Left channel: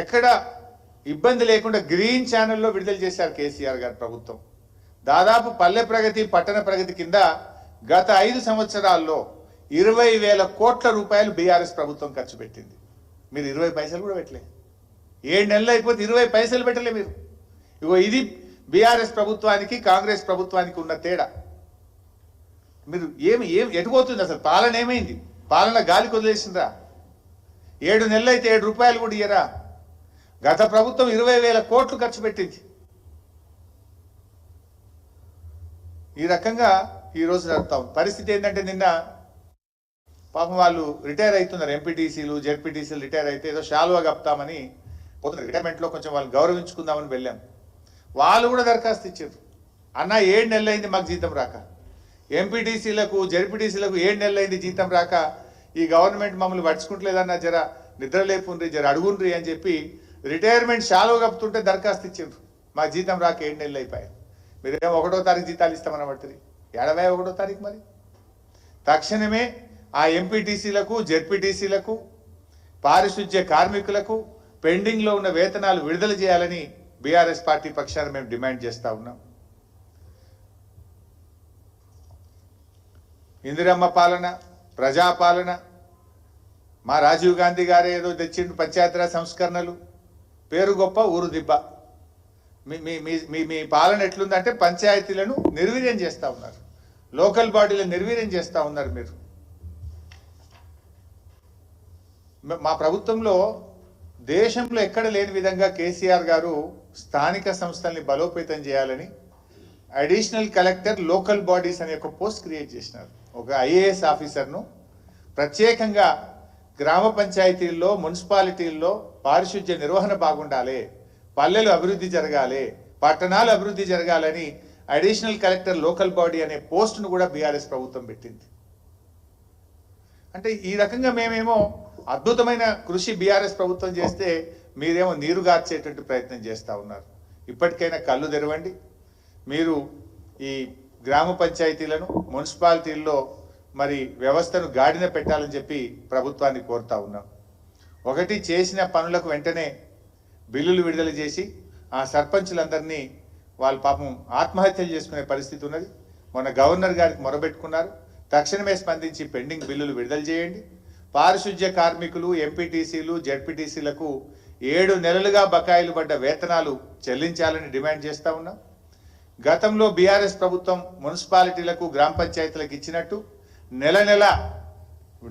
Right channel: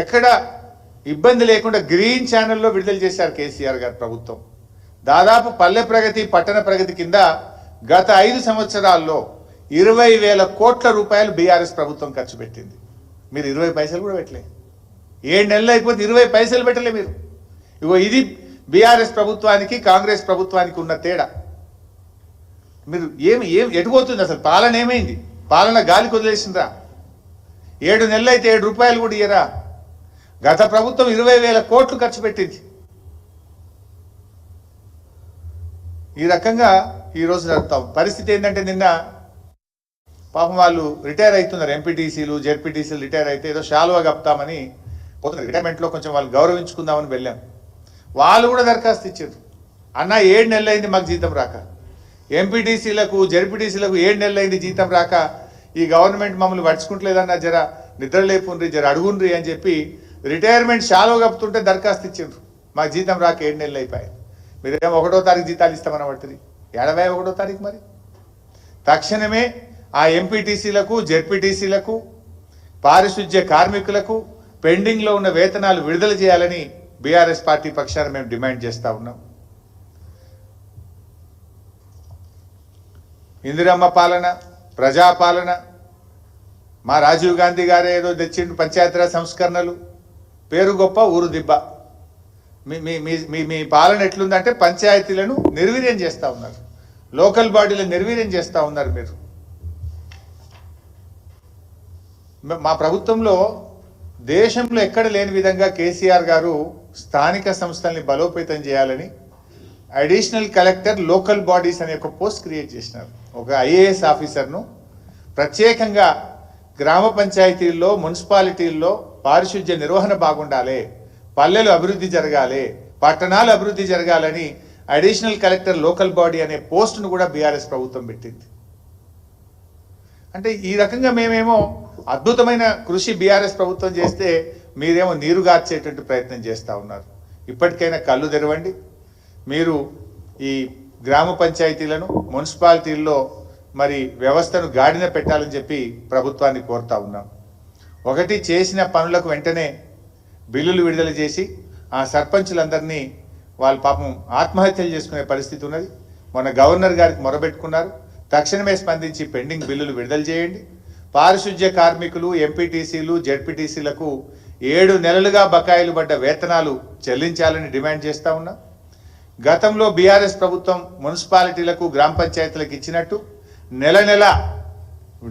ఎక్కడ ఇబ్బంది లేకుండా గ్రీన్ ఛానల్లో విడుదల చేశారు కేసీఆర్ గారి ప్రభుత్వం. దాదాపు పల్లె ప్రగతి పట్టణ ప్రగతి కింద గత 5 సంవత్సరాల్లో 20,000 కోట్ల రూపాయలు బీఆర్ఎస్ ప్రభుత్వం ఖర్చు పెట్టింది. మీరు 20 పైసలు కూడా పెట్టలే. 7 నెలలు అయిపోతే 20 పైసలు పెట్టలే మీరు. ఇగో ఇది బీఆర్ఎస్ ప్రభుత్వానికి కాంగ్రెస్ ప్రభుత్వానికి ఉన్న తేడా. మీరు ఎటుపోతుంది అసలు? పాలన ఏమైంది? పాలన గాలికి వదిలేసిందా? 7 నెలలు అయితే 7 రూపాయలు కూడా ఇయ్యరా? గత ప్రభుత్వం 20,000 కోట్లు ఖర్చు పెట్టింది. ఈ రకంగా ఈరోజు నడుపుతాం. పరిస్థితి ఏంటంటే నిన్న పాపం వాళ్ళు రిటైర్ అవుతున్నారు. ఎంపీటీసీలు జెడ్పీటీసీలు రిటైర్ అయితే ఏదో శాలువా కప్తామని పోతున్నారు. రిటైర్మెంట్లో కొంచెం వాళ్ళు గౌరవించుకుందామని వెళ్ళాం. వాళ్ళు కూడా దరఖాస్తు ఇచ్చారు. అన్న 7 నెలలు అయింది మాకు జీతం రాక. ఎంపీటీసీలకు జెడ్పీటీసీలకు 7 నెలలు అయింది జీతం రాక. ఈ గవర్నమెంట్ మమ్మల్ని పడుచుకుంటలేదన్న జర నిద్ర లేపుండ్రి, జర అడుగుండ్రి అని చెప్పి రిటైర్మెంట్ శాలువా కప్పుతుంటే దరఖాస్తు ఇచ్చారు. మాకు జీతం రాక 7 నెలలు అయిపోయాయి. మీరేమో 1వ తారీఖు జీతాలు ఇస్తామని పడుతుంది. 71వ తారీఖు మరి తక్షణమే ఆ ఎంపీటీసీలకు జెడ్పీటీసీలకు పారిశుధ్య కార్మికులకు పెండింగ్లో ఉన్న వేతనాలు విడుదల చేయాలని బీఆర్ఎస్ పార్టీ పక్షాన మేము డిమాండ్ చేస్తూ ఉన్నాం. ఇందిరమ్మ పాలన, ప్రజాపాలన, మా రాజీవ్ గాంధీ గారే ఏదో తెచ్చిండు పంచాయతీరాజ్ సంస్కరణలు, పేరు గొప్ప ఊరు దిబ్బ. మీ పాలన ఎట్లుందంటే పంచాయతీలను నిర్వీర్యం చేస్తూ ఉన్నారు, లోకల్ బాడీలను నిర్వీర్యం చేస్తూ ఉన్నారు మీరు. మా ప్రభుత్వంలో దేశంలో ఎక్కడ లేని విధంగా కేసీఆర్ గారు స్థానిక సంస్థల్ని బలోపేతం చేయాలని అడిషనల్ కలెక్టర్ లోకల్ బాడీస్ అనే ఒక పోస్ట్ క్రియేట్ చేసినారు. ఒక ఐఏఎస్ ఆఫీసర్ను ప్రత్యేకంగా గ్రామ పంచాయతీల్లో మున్సిపాలిటీల్లో పారిశుధ్య నిర్వహణ బాగుండాలి, పల్లెలు అభివృద్ధి జరగాలి, పట్టణాలు అభివృద్ధి జరగాలని అడిషనల్ కలెక్టర్ లోకల్ బాడీ అనే పోస్టును కూడా బీఆర్ఎస్ ప్రభుత్వం పెట్టింది. అంటే ఈ రకంగా మేమేమో అద్భుతమైన కృషి బీఆర్ఎస్ ప్రభుత్వం చేస్తే మీరేమో నీరుగార్చేటువంటి ప్రయత్నం చేస్తూ ఉన్నారు. ఇప్పటికైనా కళ్ళు తెరవండి. మీరు ఈ గ్రామ పంచాయతీలను మున్సిపాలిటీల్లో మరి వ్యవస్థను గాడిన పెట్టాలని చెప్పి ప్రభుత్వాన్ని కోరుతా ఉన్నాం. ఒకటి, చేసిన పనులకు వెంటనే బిల్లులు విడుదల చేసి ఆ సర్పంచులందరినీ వాళ్ళ పాపం ఆత్మహత్యలు చేసుకునే పరిస్థితి ఉన్నది. మొన్న గవర్నర్ గారికి మొరబెట్టుకున్నారు. తక్షణమే స్పందించి పెండింగ్ బిల్లులు విడుదల చేయండి. పారిశుధ్య కార్మికులు, ఎంపీటీసీలు, జెడ్పీటీసీలకు 7 నెలలుగా బకాయిలు పడ్డ వేతనాలు చెల్లించాలని డిమాండ్ చేస్తూ ఉన్నాం. గతంలో బీఆర్ఎస్ ప్రభుత్వం మున్సిపాలిటీలకు గ్రామ పంచాయతీలకు ఇచ్చినట్టు నెల నెల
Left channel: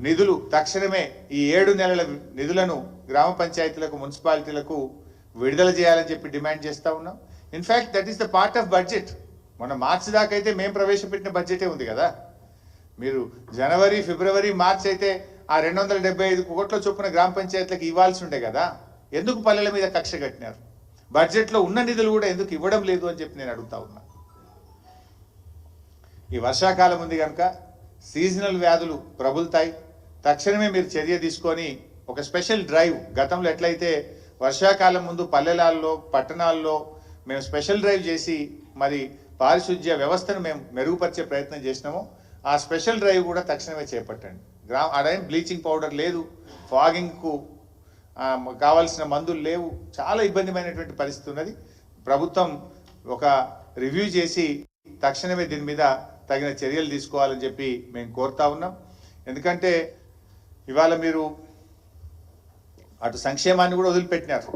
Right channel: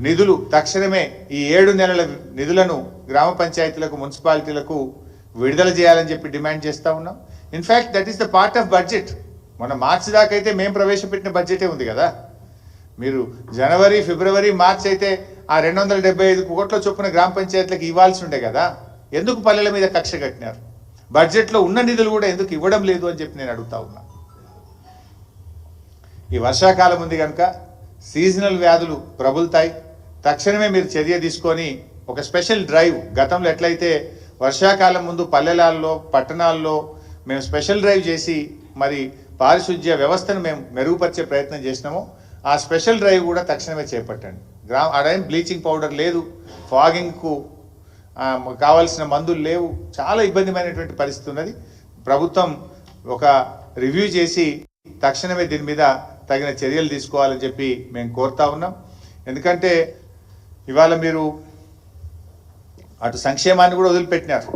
నిధులు తక్షణమే ఈ 7 నెలల నిధులను గ్రామ పంచాయతీలకు మున్సిపాలిటీలకు విడుదల చేయాలని చెప్పి డిమాండ్ చేస్తూ ఉన్నాం. In fact that is the part of budget. మన మార్చి దాకా అయితే మేము ప్రవేశపెట్టిన బడ్జెటే ఉంది కదా. మీరు జనవరి, ఫిబ్రవరి, మార్చి అయితే ఆ 275 కోట్ల చొప్పున గ్రామ పంచాయతీలకు ఇవ్వాల్సి ఉండే కదా. ఎందుకు పల్లెల మీద కక్ష కట్టినారు? బడ్జెట్లో ఉన్న నిధులు కూడా ఎందుకు ఇవ్వడం లేదు అని చెప్పి నేను అడుగుతా ఉన్నా. ఈ వర్షాకాలం ఉంది కనుక సీజనల్ వ్యాధులు ప్రబులుతాయి. తక్షణమే మీరు చర్య తీసుకొని ఒక స్పెషల్ డ్రైవ్, గతంలో ఎట్లయితే వర్షాకాలం ముందు పల్లెలలో పట్టణాల్లో మేము స్పెషల్ డ్రైవ్ చేసి మరి పారిశుధ్య వ్యవస్థను మేము మెరుగుపరిచే ప్రయత్నం చేసినామో ఆ స్పెషల్ డ్రైవ్ కూడా తక్షణమే చేపట్టండి. ఆడైన బ్లీచింగ్ పౌడర్ లేదు, ఫాగింగ్కు కావాల్సిన మందులు లేవు, చాలా ఇబ్బందిమైనటువంటి పరిస్థితి ఉన్నది. ప్రభుత్వం ఒక రివ్యూ చేసి తక్షణమే దీని మీద తగిన చర్యలు తీసుకోవాలని చెప్పి మేము కోరుతా ఉన్నాం. ఎందుకంటే ఇవాళ మీరు అటు సంక్షేమాన్ని కూడా వదిలిపెట్టినారు,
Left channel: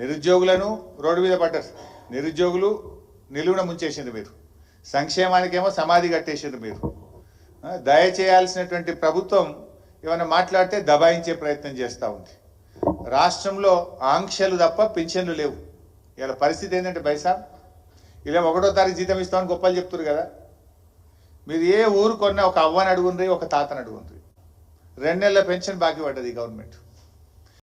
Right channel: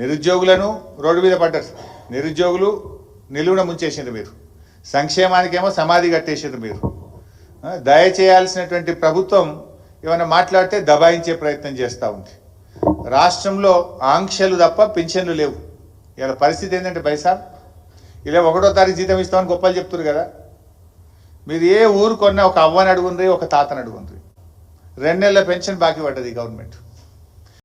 నిరుద్యోగులను రోడ్డు మీద పడ్డారు, నిరుద్యోగులు నిలువున ముంచేసిండ్రు మీరు, సంక్షేమానికేమో సమాధి కట్టేసిండ్రు మీరు. దయచేయాల్సినటువంటి ప్రభుత్వం ఏమైనా మాట్లాడితే దబాయించే ప్రయత్నం చేస్తూ ఉంది. రాష్ట్రంలో ఆంక్షలు తప్ప పింఛన్లు లేవు. ఇలా పరిస్థితి ఏంటంటే బైసా ఇలా 1వ తారీఖు జీతం ఇస్తామని గొప్పలు చెప్తున్నారు కదా. మీరు ఏ ఊరు కొన్నా ఒక అవ్వని అడుగుండ్రి, ఒక తాతని అడుగుండ్రి. 2 నెలల పెన్షన్ బాకీ పడ్డది గవర్నమెంట్.